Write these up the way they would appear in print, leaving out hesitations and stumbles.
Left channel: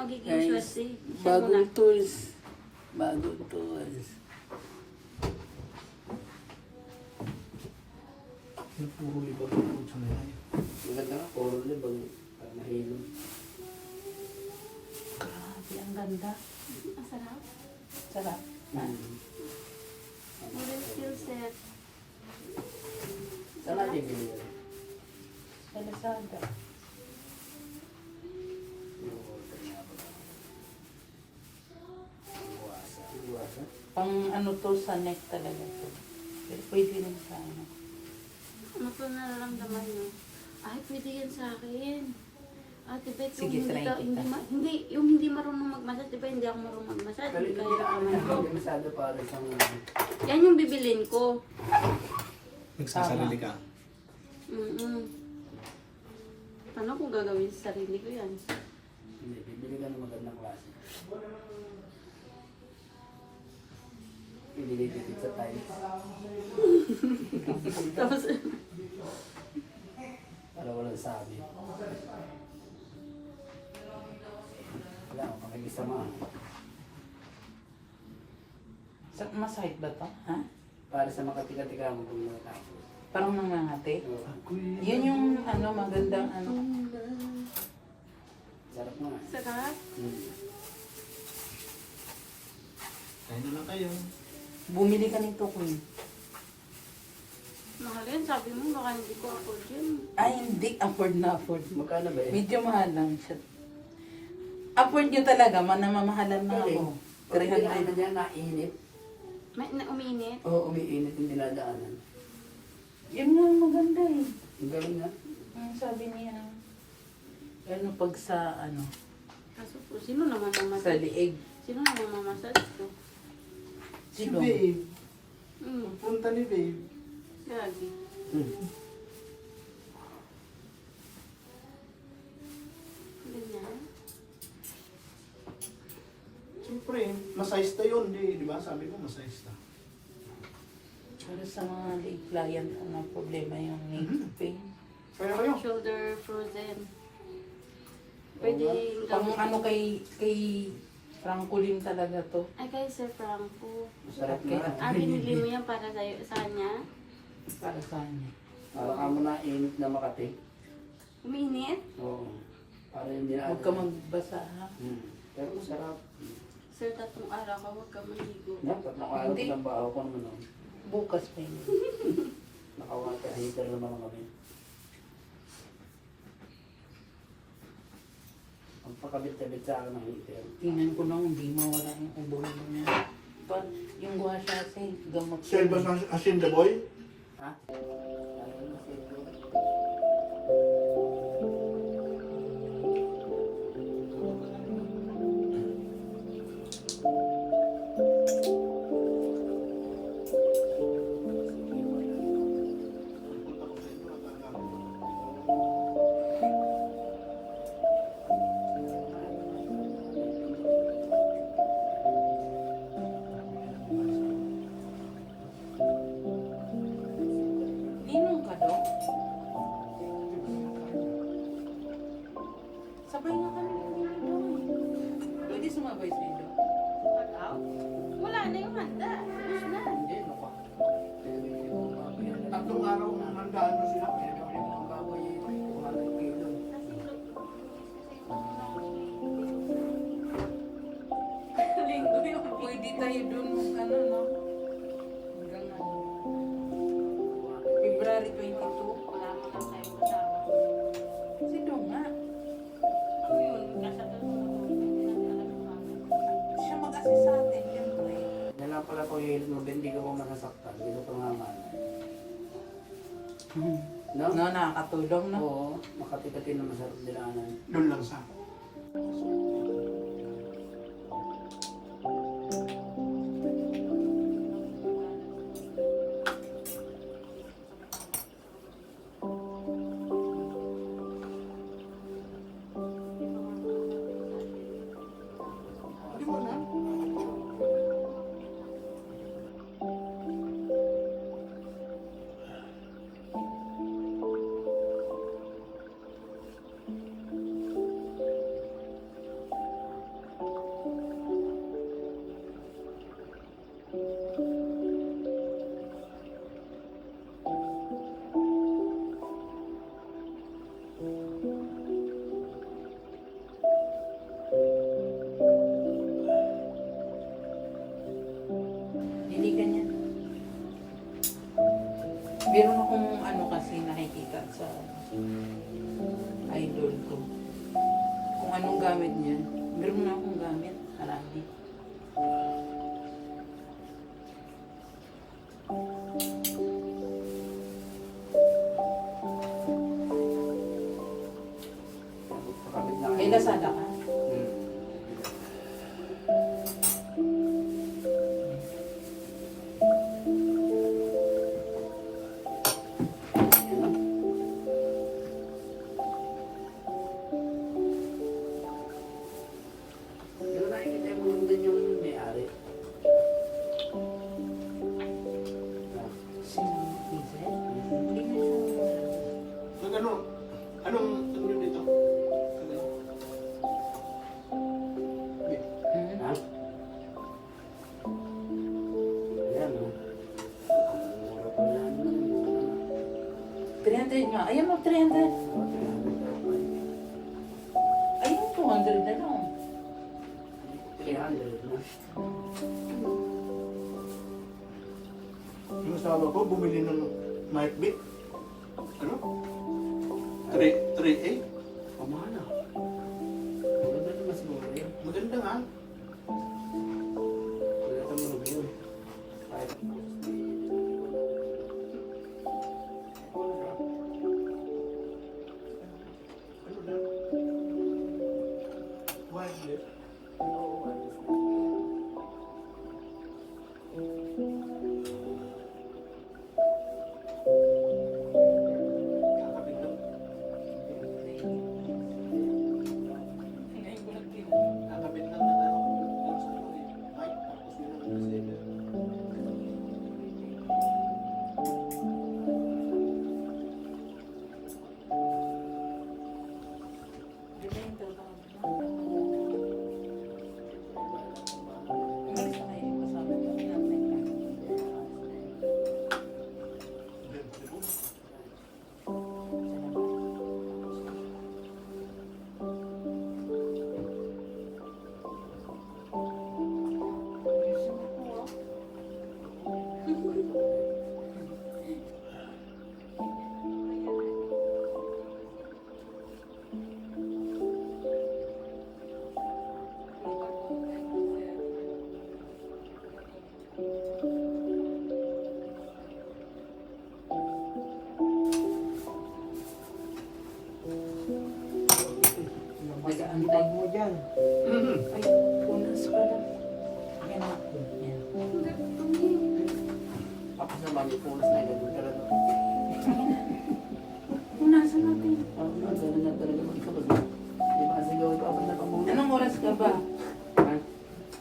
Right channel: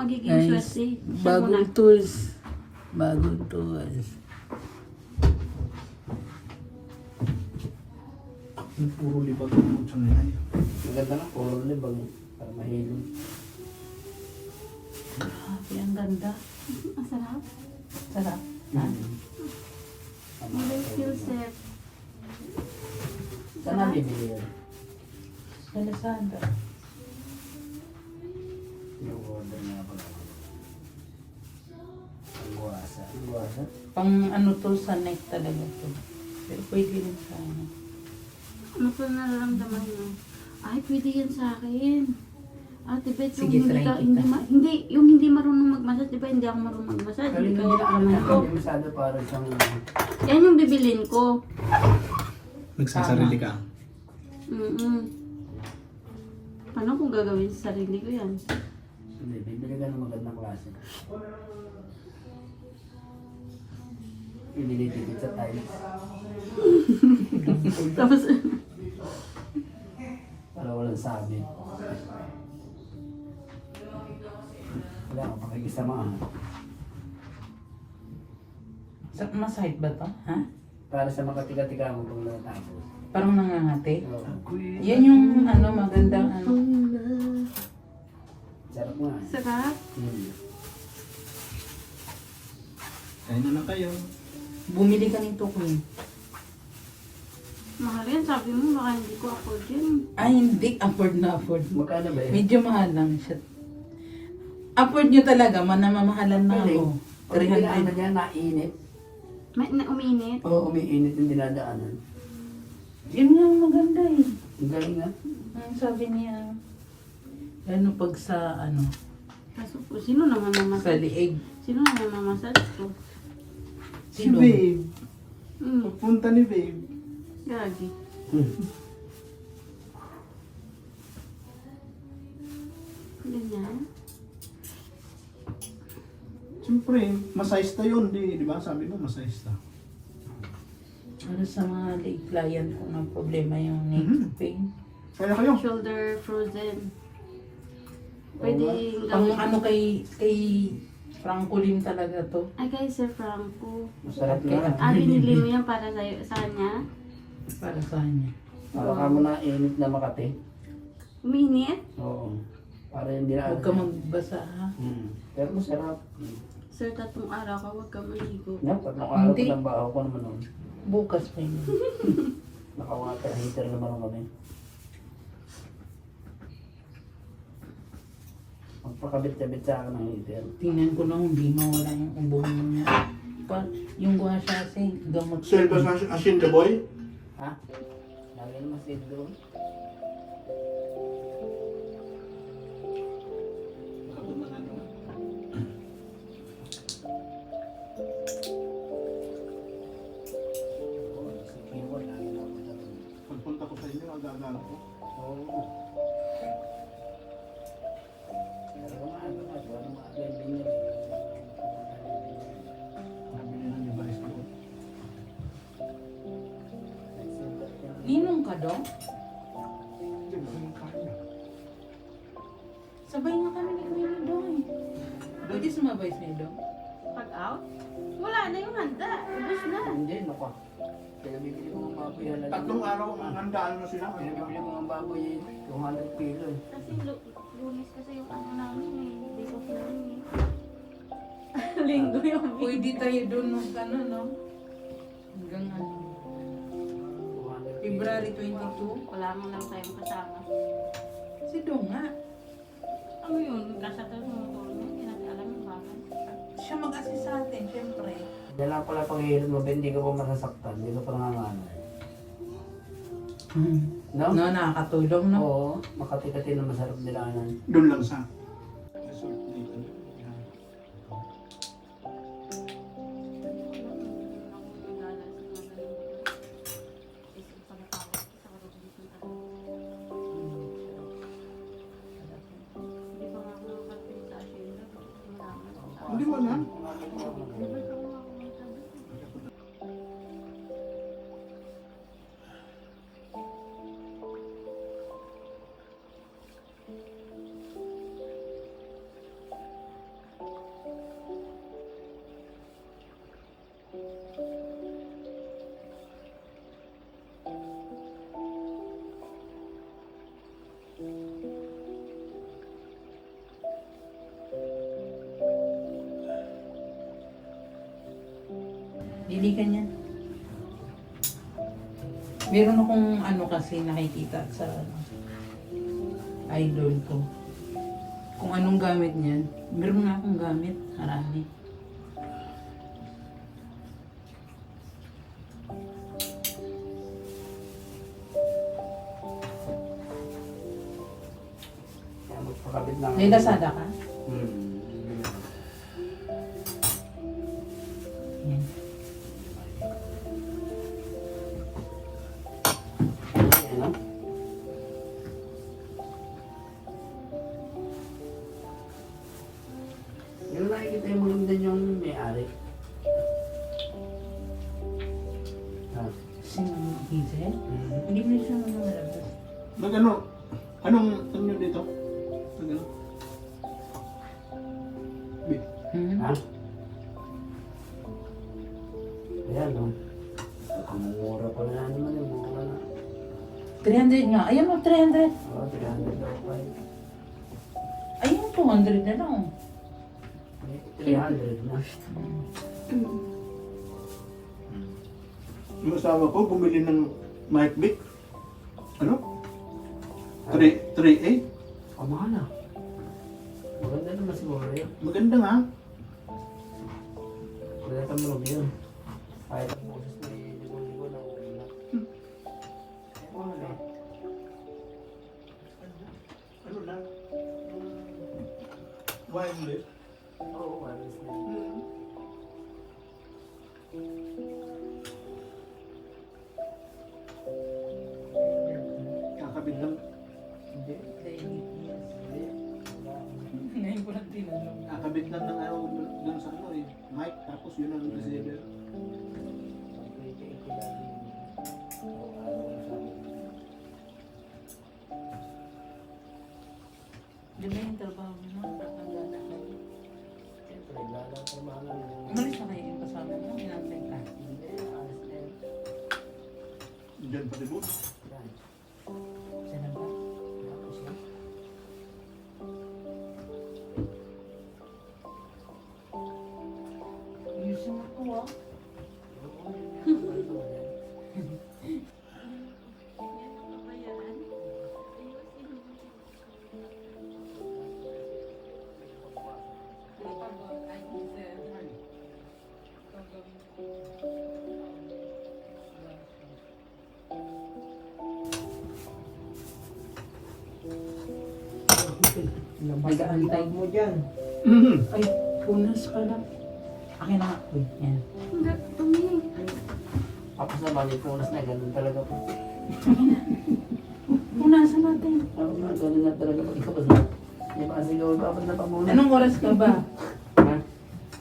magiging Guys, swerte. bagong tools. Bagong tools. Yung puro libag ang sa nila. Maganda nga, puro libag. Para mahilog. Grabe, ang ganda. Ang sarap. Sarap. Modern skill set. Saan na bibili yun? Sa Lazada. Yung order niya ako. Ang guwasa. Ang guwasa? Pang ano to, sa neck talaga to. Pero pwede rin sa ano. Ano po nararamdaman niyo? Ay, pwede yan sa akin. Ate Bet, Sige, yung try hindi, kita. hindi, yung hindi marunong magmasad, diba hindi ako marunong magmasad. Pero Hindi hindi kaya na alam natin yung masada para siyang... yan yung bibilin ko. Nagsasarili ka. Paano kung gagawin sa sarili ko yan? Hindi, bibili ka ng magandang klase. Pinilitipid sa tiles. Tapos, Para walang sabi. Wala akong pakikisamaan. Masahit ba to? Ha? Para sa makatika-tika mo kung natapos. Parang nangangati? Oo. Yan yung ano, magandang ano. Sarap nga. sarap. Kain na lang kayo. Bumili ka nito, Queen. Mahal yan, sabi mo, baka hindi ko afford yan. Ay, hindi. Afford na afford. Magkano ba yun? Medyo mahal lang siya. Afford nyo talaga, manamamahalan na ako. Pag dinaanan 300. niya, nainit. Uminit. Oo, umiinit yung dinadaanan. Yun nga ang maganda eh. Ang galing nga. Ang sabi niya, ano pag sa ano, Kaso po, sino naman sa mamasad? liig. Sino naman mamasad ko? Si Sino? Babe. Hmm, Pagpunta ni Babe. gagi. Ganyan. Siyempre, masayista yun. Di ba? Sabi mo, masayista. Para sa mga leg client ko na problema yung neck Mhm. pain. Kaya kayo. Shoulder frozen. Pwede Pang ano kay Francolin talaga to. Ay, kay Sir Franco. Masarap Okay. na. Binili mo yan para sa kanya? Para sa kanya. Para ka mo na init na Makati. Minute? Oo. Para yung dinaanan. Huwag ka magbasa ha. Pero masarap. Sir, tatlong araw ka, huwag ka maligo. Yan, tatlong araw ko Hindi. ng baho ko naman nun. Bukas pa yun. Naka-water heater naman kami. Magpakabit-kabit sa akin ng heater. Tingnan ko lang, hindi mawala yung ubo niya. Pa, yung gua siya kasi gamot. Silver Asin the Boy. Ha? Lagi naman sildo. Pagpunta ko sa inyo, ang gagawin ko. Ninong ka daw? Sabay nga kami ni Kuya daw eh. Pwede sumabay sa daw. Pag out? Wala na yung handa. Ubus na. Hindi, nako. Pinabibili ko ng baboy yan. Tatlong araw ang handaan mo sila. Pinabibili ko ng baboy 200 kilo. Kasi lunes kasi yung ano namin. Linggo yung Pwede tayo doon mag ano, no? Hanggang ano. February 22. Wala mo lang tayong kasama. Si Dong nga. Ano yun? Nasa doon mo hindi natin alam yung bagay. Siya mag-assist sa atin, siyempre. Yan lang pala panghihilot mo, hindi ka pa masasaktan. Hindi ka pa nanganganay. No? No, nakakatulong, no? Oo, makati-kati na masarap nilanan. Doon lang sa resort dito. Hindi mo na. Pili ka niya. Meron akong ano kasi nakikita sa idol ko. Kung anong gamit niya. Meron na akong gamit. Marami. Kaya magpakabit lang. May Lazada ka? Yung nakikita yung maganda yung may-ari. Ah. Sino? Hazel? Hindi mo siya malabas. Nag ano? Anong nyo dito? Nag ano? Wait. Ha? Ayan, no? Ang mura pa na naman, ang mura na. 300 nga. Ayan mo, 300. Oh, 300 na pa. Ayun, 200 na lang. 300 na. Yung asawa ko bumili ng mic mic. Ano? 3A? Oh, mahal na. Maganda naman siguro yun. Maganda nga. Kaya tumunog yun. Kaya ang boses ni Digo na mahal na. Ano lang? Wireless. Oo, wireless na. Kakabit lang. Ngayon ko lang tinanong. Kakabit lang ng ano, lang sa ano eh. Mic, tapos yun ang receiver. Di ba yung trabaho mo na? Umalis na kayo yung kasama mo. Inantay ka. Diyan pa rin. Sa labas. Ayusin mo ito, ah. Nag-aantay mo dyan. Ay, punas pala. Akin na ako. Yan. Tapos naman, may punas na ganun talaga po. Punasan natin. Ganun na talaga po. Tapos na. Di ba kasi gawin dapat na pamunas? Anong oras ka ba?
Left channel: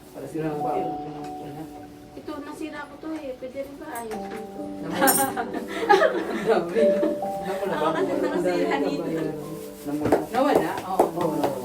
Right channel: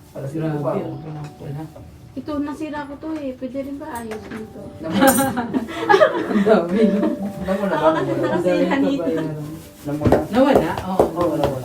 Para sila po pa. Wala. Ito, nasira ko to eh. Pwede rin ba ayos dito? Ang dami. Alam mo na ba? Ako kasi nasihan dito. Alam mo na. Nawala? Oo. Oo, wala.